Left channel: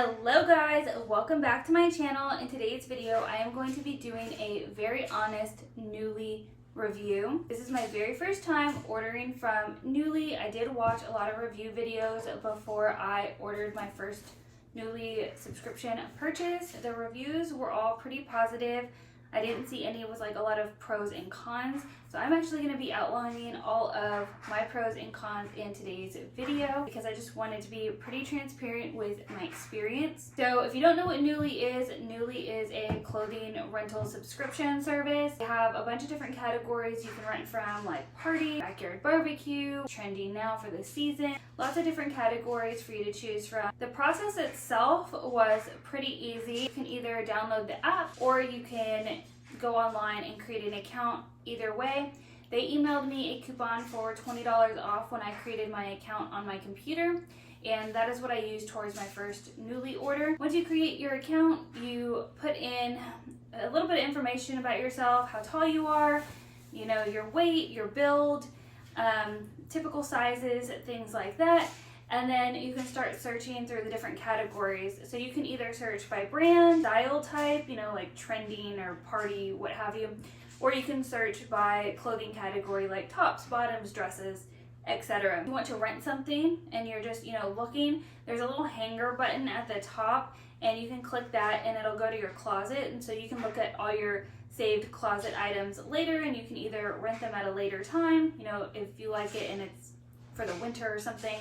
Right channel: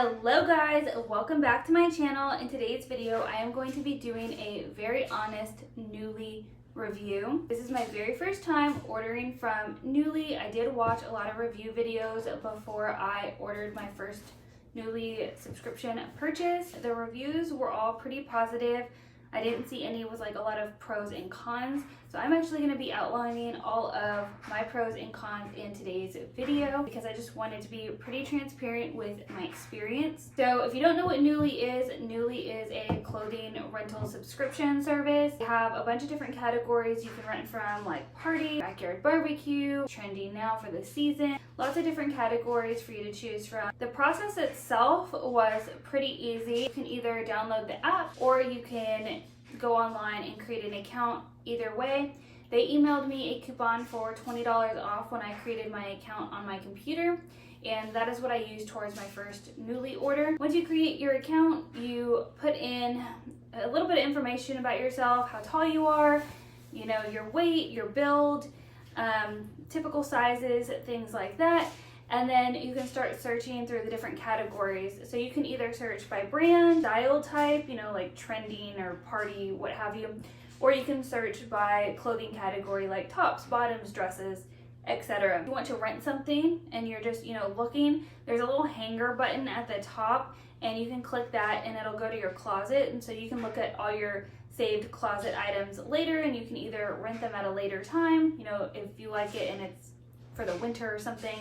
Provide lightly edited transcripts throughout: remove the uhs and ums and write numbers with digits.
Hello guys, welcome back to my channel. In today's video, I am going to be doing a very honest Nuuly review. This is my very first time ordering from Nuuly. I did watch a lot of review videos before I ordered my first Nuuly subscription purchase. The reviews were all pretty positive. I didn't see any with like a lot of pros and cons. So I'm actually going to be outlining all of my pros and cons in today's video because I just wanted to be pretty transparent with my experience. So if you don't know what Nuuly is a clothing rental subscription service. They have a bunch of different categories you can rent from, like party, backyard barbecue, trending now for the season. Lots of different categories for you to choose from. The process itself was pretty easy. You can either download the app or you can go online and create an account. Either way, they emailed me a coupon for $20 off when I created my account on my computer, and that is what I used towards my first Nuuly order. Once you create your account, you put in a little bit of information about yourself, how tall you are, you know, your weight, your build, typical sizes, things like that. And then you can start searching through the different categories. So you can either search by brand, style type, you know, like trending or party, what have you, or you can search by clothing category like tops, bottoms, dresses, etc. If you want to rent something and you're just, you know, looking, there's a little hanger button at the top and you can click that and it'll go to your closet. And so you can look at all your saved closet items later, and you can either rent them at a later time, you know, if you like it and it's for the winter or something,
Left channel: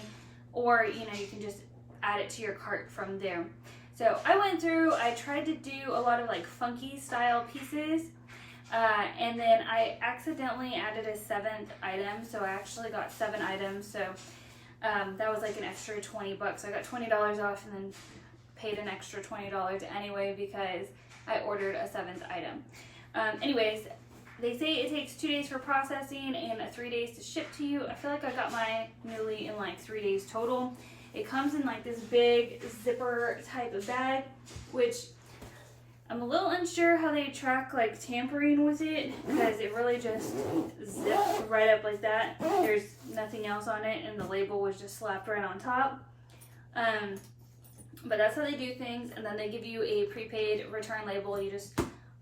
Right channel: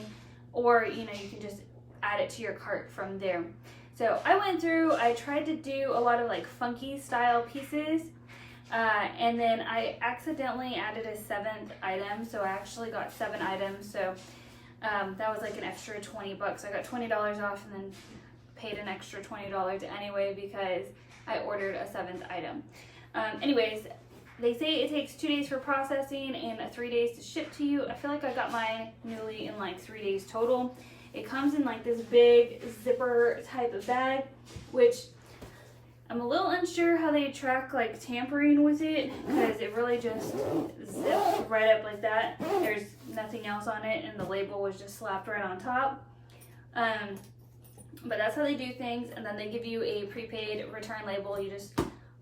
or, you know, you can just add it to your cart from there. So I went through, I tried to do a lot of like funky style pieces, and then I accidentally added a 7th item. So I actually got 7 items. So that was like an extra 20 bucks. I got $20 off and then paid an extra $20 anyway because I ordered a 7th item. Anyways, they say it takes 2 days for processing and 3 days to ship to you. I feel like I got my Nuuly in like 3 days total. It comes in like this big zipper type of bag, which I'm a little unsure how they track like tampering with it, because it really just zips right up like that. There's nothing else on it and the label was just slapped right on top. But that's how they do things. And then they give you a prepaid return label. You just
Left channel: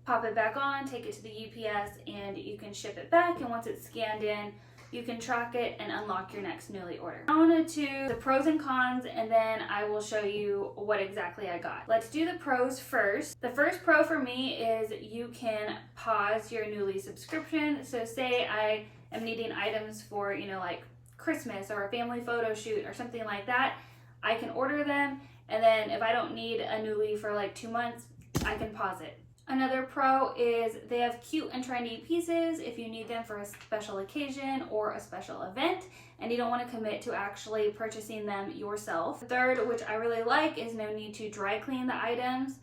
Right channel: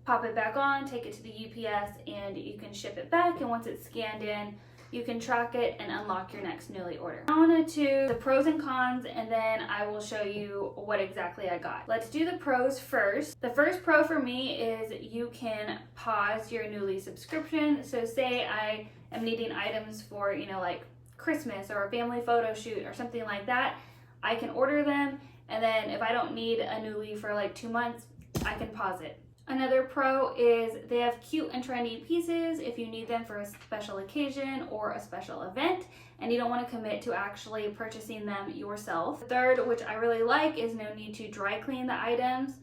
pop it back on, take it to the UPS, and you can ship it back. And once it's scanned in, you can track it and unlock your next Nuuly order. I want to do the pros and cons, and then I will show you what exactly I got. Let's do the pros first. The first pro for me is you can pause your Nuuly subscription. So say I am needing items for, you know, like Christmas or a family photo shoot or something like that. I can order them, and then if I don't need a Nuuly for like 2 months, I can pause it. Another pro is they have cute and trendy pieces if you need them for a special occasion or a special event and you don't want to commit to actually purchasing them yourself. The third, which I really like, is no need to dry clean the items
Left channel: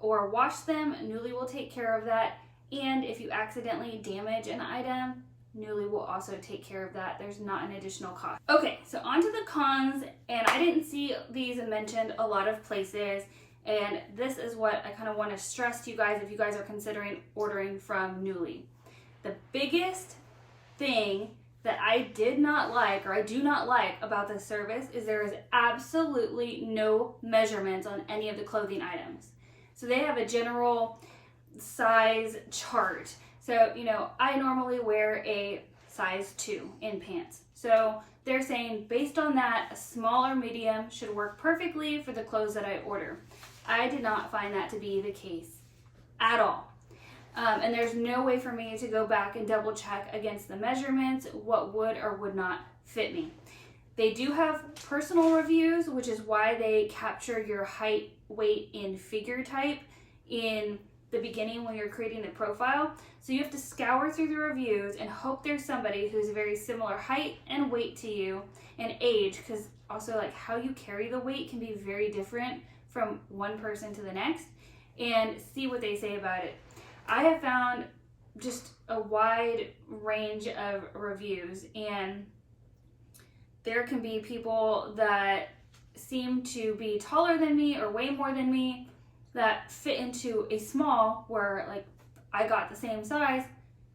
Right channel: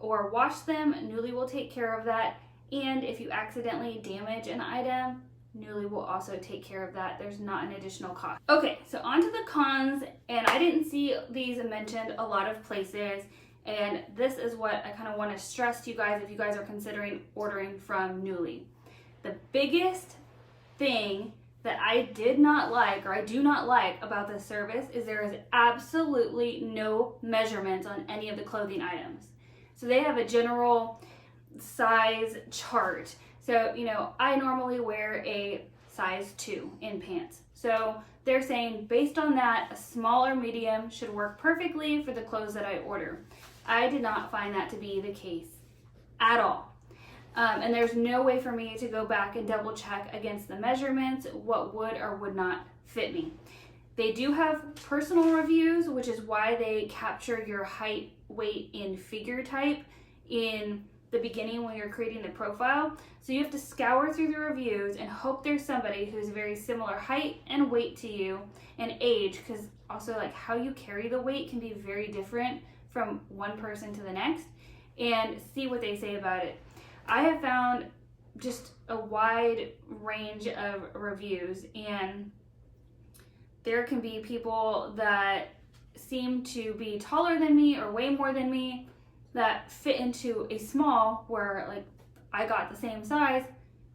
or wash them. Nuuly will take care of that. And if you accidentally damage an item, Nuuly will also take care of that. There's not an additional cost. Okay, so on to the cons, and I didn't see these mentioned a lot of places. And this is what I kind of want to stress to you guys if you guys are considering ordering from Nuuly. The biggest thing that I did not like, or I do not like about this service, is there is absolutely no measurements on any of the clothing items. So they have a general size chart. So, you know, I normally wear a size 2 in pants. So they're saying based on that, a small or medium should work perfectly for the clothes that I order. I did not find that to be the case at all. And there's no way for me to go back and double check against the measurements what would or would not fit me. They do have personal reviews, which is why they capture your height, weight, and figure type in the beginning when you're creating the profile. So you have to scour through the reviews and hope there's somebody who's a very similar height and weight to you and age, because also like how you carry the weight can be very different from one person to the next, and see what they say about it. I have found just a wide range of reviews, and there can be people that seem to be taller than me or way more than me that fit into a small, where like I got the same size,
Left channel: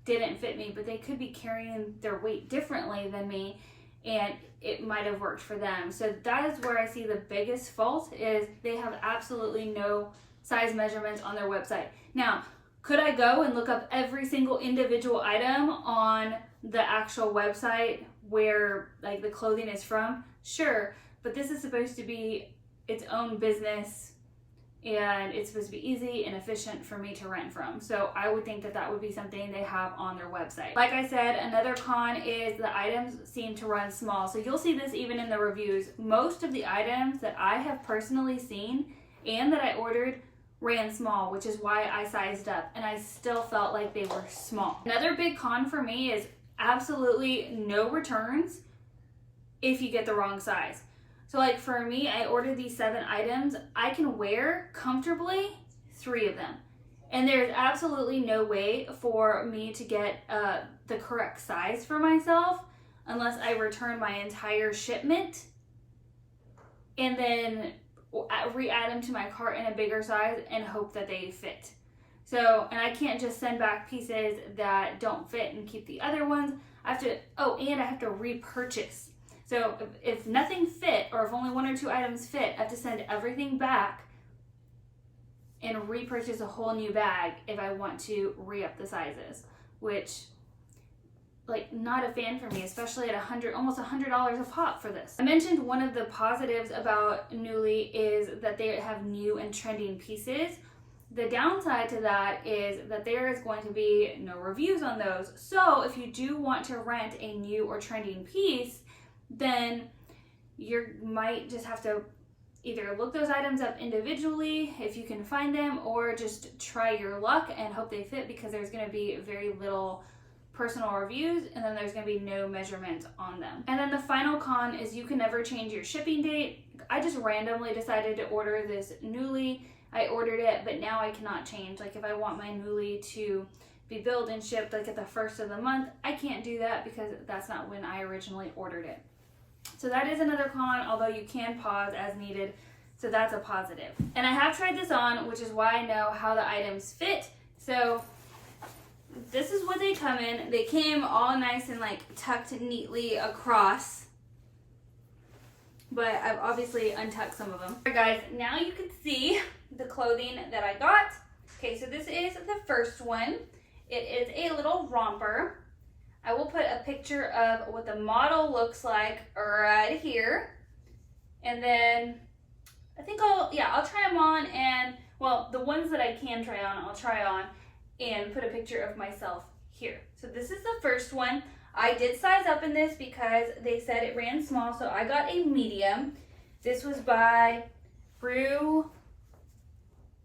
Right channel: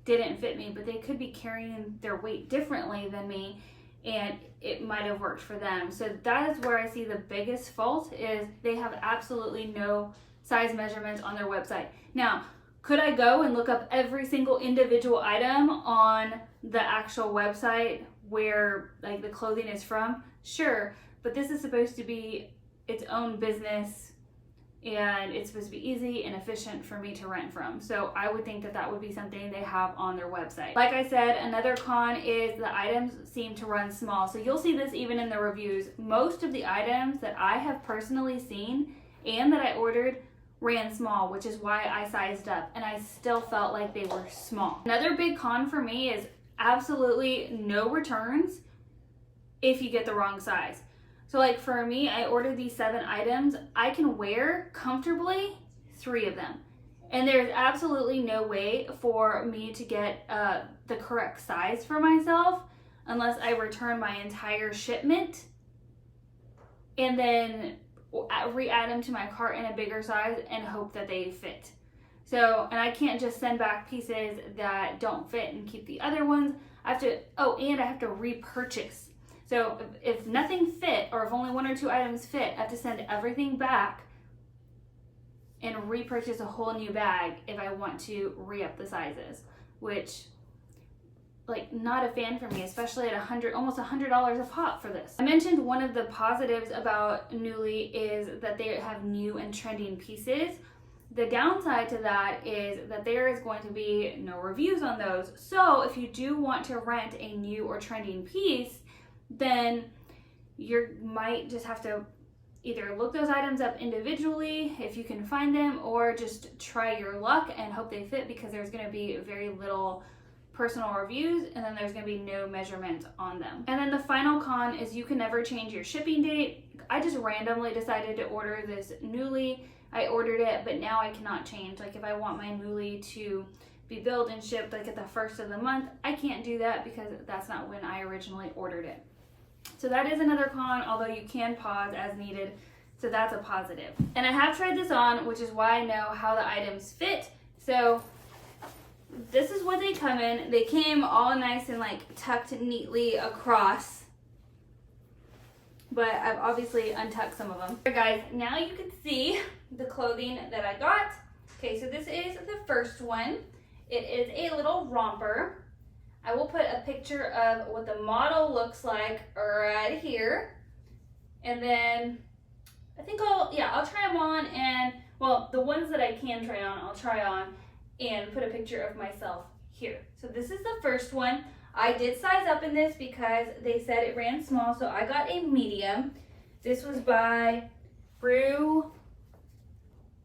didn't fit me, but they could be carrying their weight differently than me, and it might have worked for them. So that is where I see the biggest fault, is they have absolutely no size measurements on their website. Now, could I go and look up every single individual item on the actual website where like the clothing is from? Sure, but this is supposed to be its own business, and it's supposed to be easy and efficient for me to rent from. So I would think that that would be something they have on their website. Like I said, another con is the items seem to run small. So you'll see this even in the reviews. Most of the items that I have personally seen and that I ordered ran small, which is why I sized up, and I still felt like they were small. Another big con for me is absolutely no returns if you get the wrong size. So like for me, I ordered these 7 items. I can wear comfortably 3 of them. And there's absolutely no way for me to get the correct size for myself unless I return my entire shipment and then re-add them to my cart in a bigger size and hope that they fit. So, and I can't just send back pieces that don't fit and keep the other ones. I have to, and I have to repurchase. So if nothing fit, or if only 1 or 2 items fit, I have to send everything back and repurchase a whole new bag if I want to re-up the sizes, which, like, not a fan for me, especially at almost $100 a pop for this. I mentioned one of the positives about Nuuly is that they have new and trending pieces. The downside to that is that there is going to be no reviews on those. So if you do want to rent a new or trending piece, then you might just have to either look those items up individually if you can find them, or just try your luck and hope they fit, because there's going to be very little personal reviews and then there's going to be no measurements on them. And then the final con is you can never change your shipping date. I just randomly decided to order this Nuuly. I ordered it, but now I cannot change. Like if I want my Nuuly to be billed and shipped like at the 1st of the month, I can't do that because that's not when I originally ordered it. So that is another con, although you can pause as needed. So that's a positive. And I have tried this on, which is why I know how the items fit. So this is what they come in. They came all nice and like tucked neatly across, but I've obviously untucked some of them. All right, guys, now you can see the clothing that I got. Okay, so this is the first one. It is a little romper. I will put a picture of what the model looks like right here. And then I think I'll try them on, and well, the ones that I can try on, I'll try on and put a picture of myself here. So this is the first one. I did size up in this because they said it ran small, so I got a medium. This was by Brew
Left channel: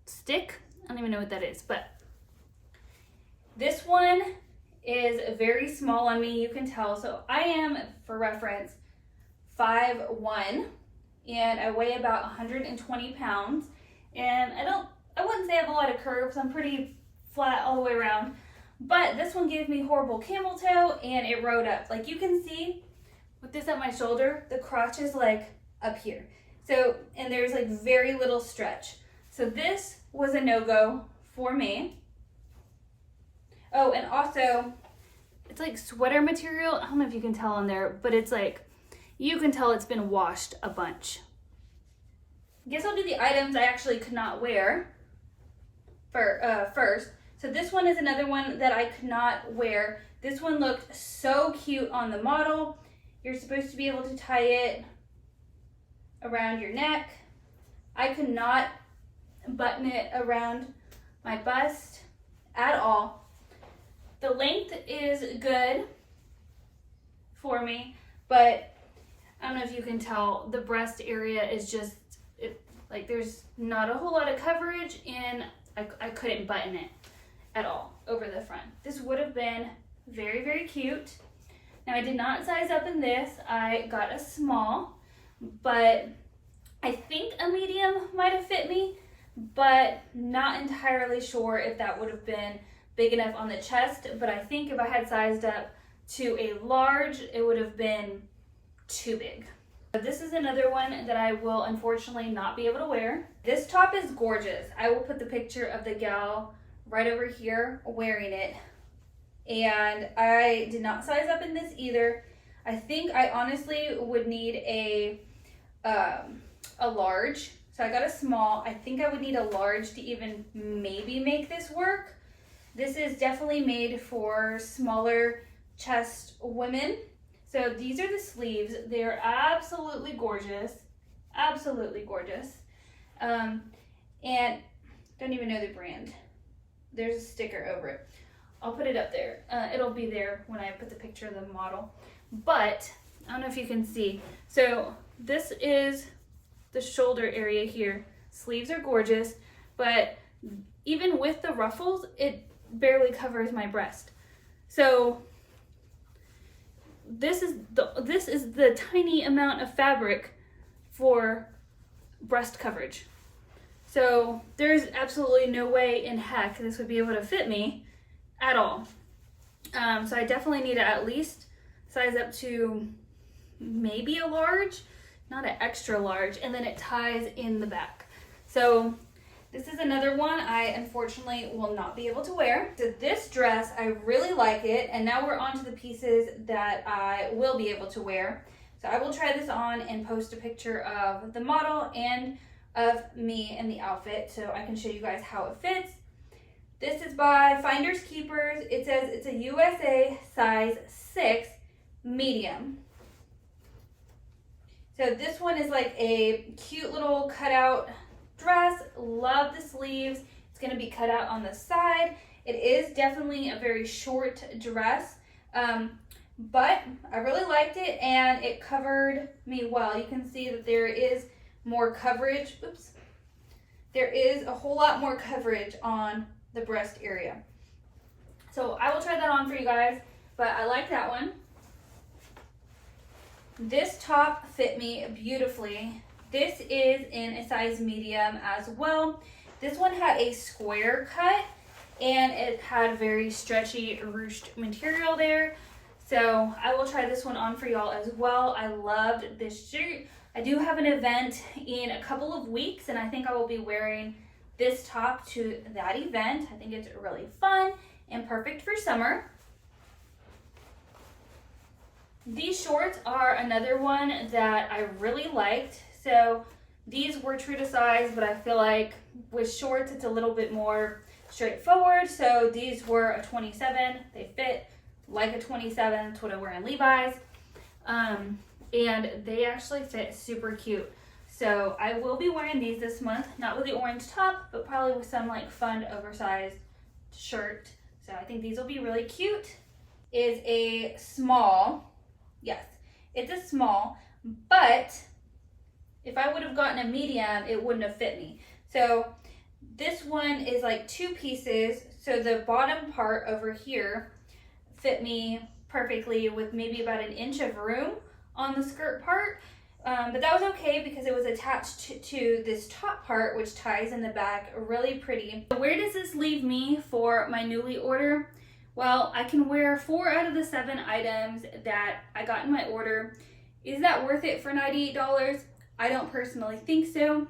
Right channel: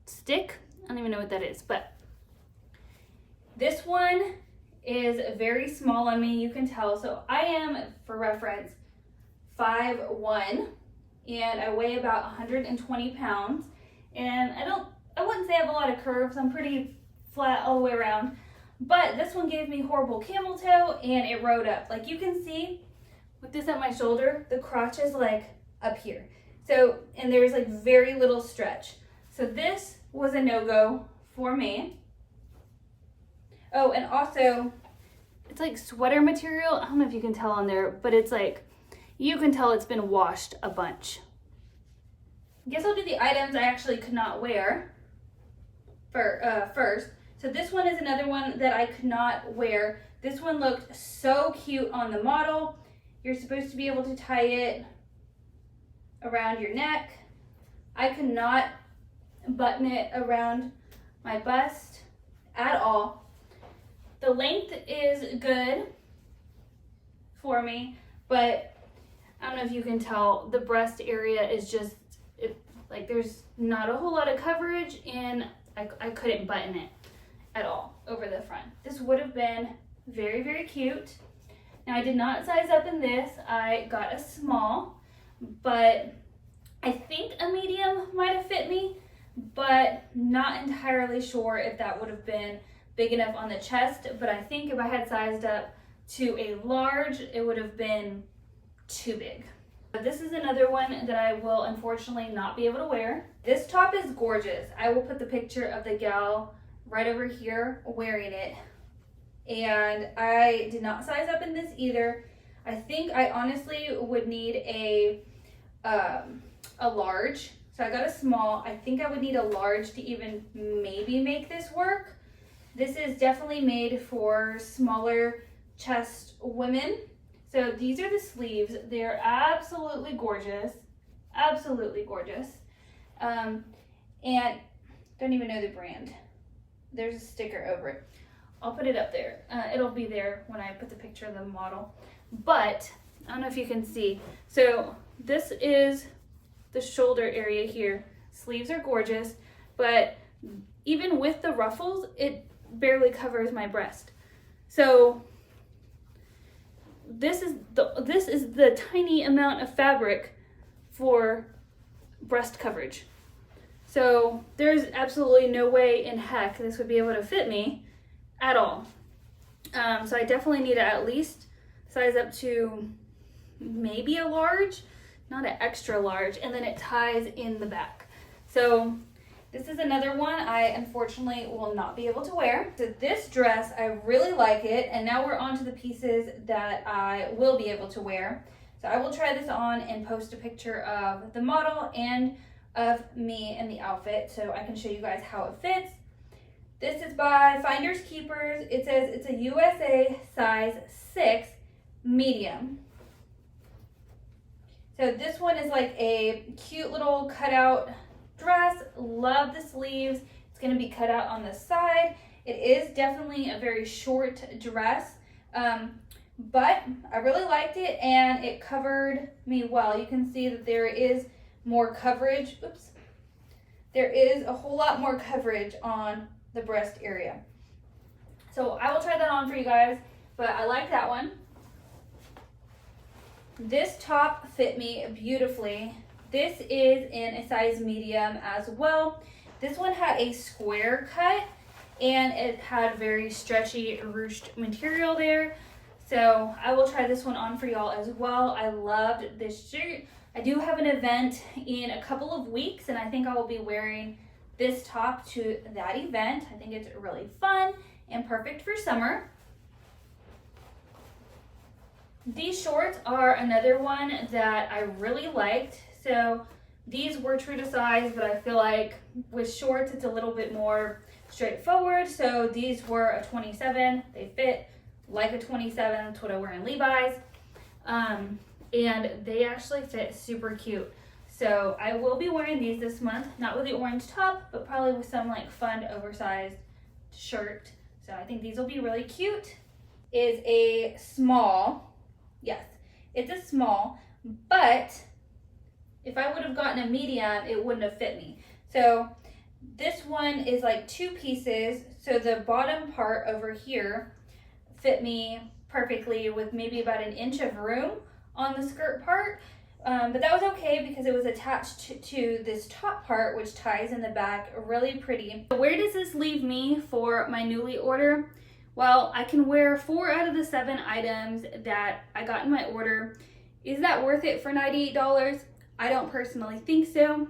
Stick. I don't even know what that is, but this one is very small on me, you can tell. So I am, for reference, 5'1", and I weigh about 120 pounds. And I wouldn't say I have a lot of curves. I'm pretty flat all the way around. But this one gave me horrible camel toe, and it rode up. Like you can see with this at my shoulder, the crotch is like up here. So, and there's like very little stretch. So this was a no-go for me. Oh, and also, it's like sweater material. I don't know if you can tell on there, but it's like, you can tell it's been washed a bunch. I guess I'll do the items I actually could not wear first. So this one is another one that I could not wear. This one looked so cute on the model. You're supposed to be able to tie it around your neck. I could not button it around my bust at all. The length is good for me, but I don't know if you can tell, the breast area is just, like there's not a whole lot of coverage, and I couldn't button it at all over the front. This would have been very, very cute. Now I did not size up in this. I got a small, but I think a medium might have fit me, but not entirely sure if that would have been big enough on the chest. But I think if I had sized up to a large, it would have been too big. This is another one that I will unfortunately not be able to wear. This top is gorgeous. I will put the picture of the gal right over here wearing it. And I did not size up in this either. I think I honestly would need a large. So I got a small. I think I would need a large to even maybe make this work. This is definitely made for smaller chest women. So these are the sleeves. They're absolutely gorgeous. Absolutely gorgeous. And don't even know the brand. There's a sticker over it. I'll put it up there. It'll be there when I put the picture of the model. But I don't know if you can see. So this is the shoulder area here. Sleeves are gorgeous, but even with the ruffles, it barely covers my breast. So this is the tiny amount of fabric for breast coverage. So there's absolutely no way in heck this would be able to fit me at all. So I definitely need to at least size up to maybe a large, not an extra large, and then it ties in the back. So this is another one I unfortunately will not be able to wear. So this dress, I really like it, and now we're on to the pieces that I will be able to wear. So I will try this on and post a picture of the model and of me in the outfit so I can show you guys how it fits. This is by Finders Keepers. It says it's a USA size 6 medium. So this one is like a cute little cutout dress. Love the sleeves. It's going to be cut out on the side. It is definitely a very short dress, but I really liked it and it covered me well. You can see that there is more coverage. Oops. There is a whole lot more coverage on the breast area. So I will try that on for you guys, but I like that one. This top fit me beautifully. This is in a size medium as well. This one had a square cut and it had very stretchy ruched material there. So I will try this one on for y'all as well. I loved this shirt. I do have an event in a couple of weeks and I think I will be wearing this top to that event. I think it's really fun and perfect for summer. These shorts are another one that I really liked. So these were true to size, but I feel like with shorts, it's a little bit more straightforward. So these were a 27. They fit like a 27. That's what I wear in Levi's. And they actually fit super cute. So I will be wearing these this month, not with the orange top, but probably with some like fun oversized shirt. So I think these will be really cute. Is a small. Yes, it's a small, but if I would have gotten a medium, it wouldn't have fit me. So this one is like 2 pieces. So the bottom part over here fit me perfectly with maybe about an inch of room on the skirt part. But that was okay because it was attached to this top part, which ties in the back really pretty. Where does this leave me for my Nuuly order? Well, I can wear 4 out of the 7 items that I got in my order. Is that worth it for $98? I don't personally think so,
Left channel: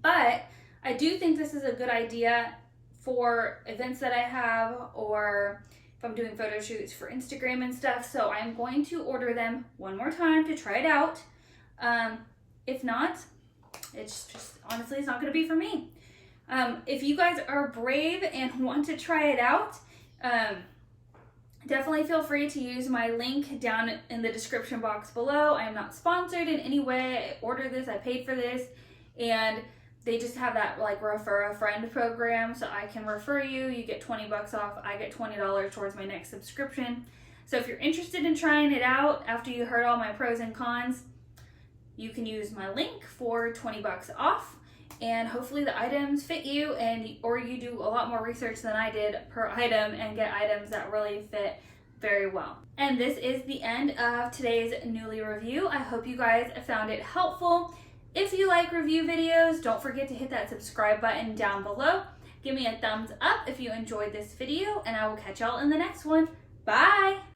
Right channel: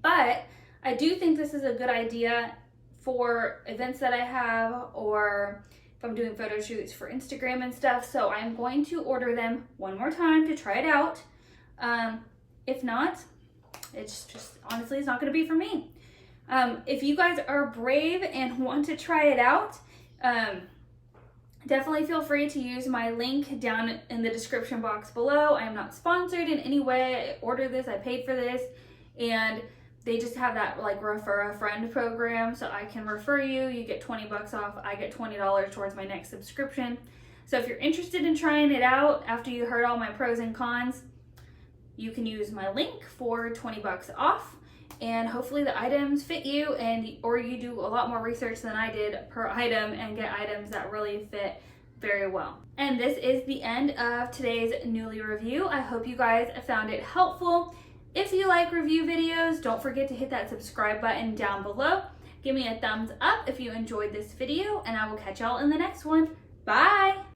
but I do think this is a good idea for events that I have, or if I'm doing photo shoots for Instagram and stuff. So I'm going to order them one more time to try it out. If not, it's just, honestly, it's not going to be for me. If you guys are brave and want to try it out, definitely feel free to use my link down in the description box below. I am not sponsored in any way. I ordered this, I paid for this, and they just have that like refer a friend program, so I can refer you. You get 20 bucks off. I get $20 towards my next subscription. So if you're interested in trying it out after you heard all my pros and cons, you can use my link for 20 bucks off. And hopefully the items fit you, or you do a lot more research than I did per item and get items that really fit very well. And this is the end of today's Nuuly review. I hope you guys found it helpful. If you like review videos, don't forget to hit that subscribe button down below. Give me a thumbs up if you enjoyed this video, and I will catch y'all in the next one. Bye!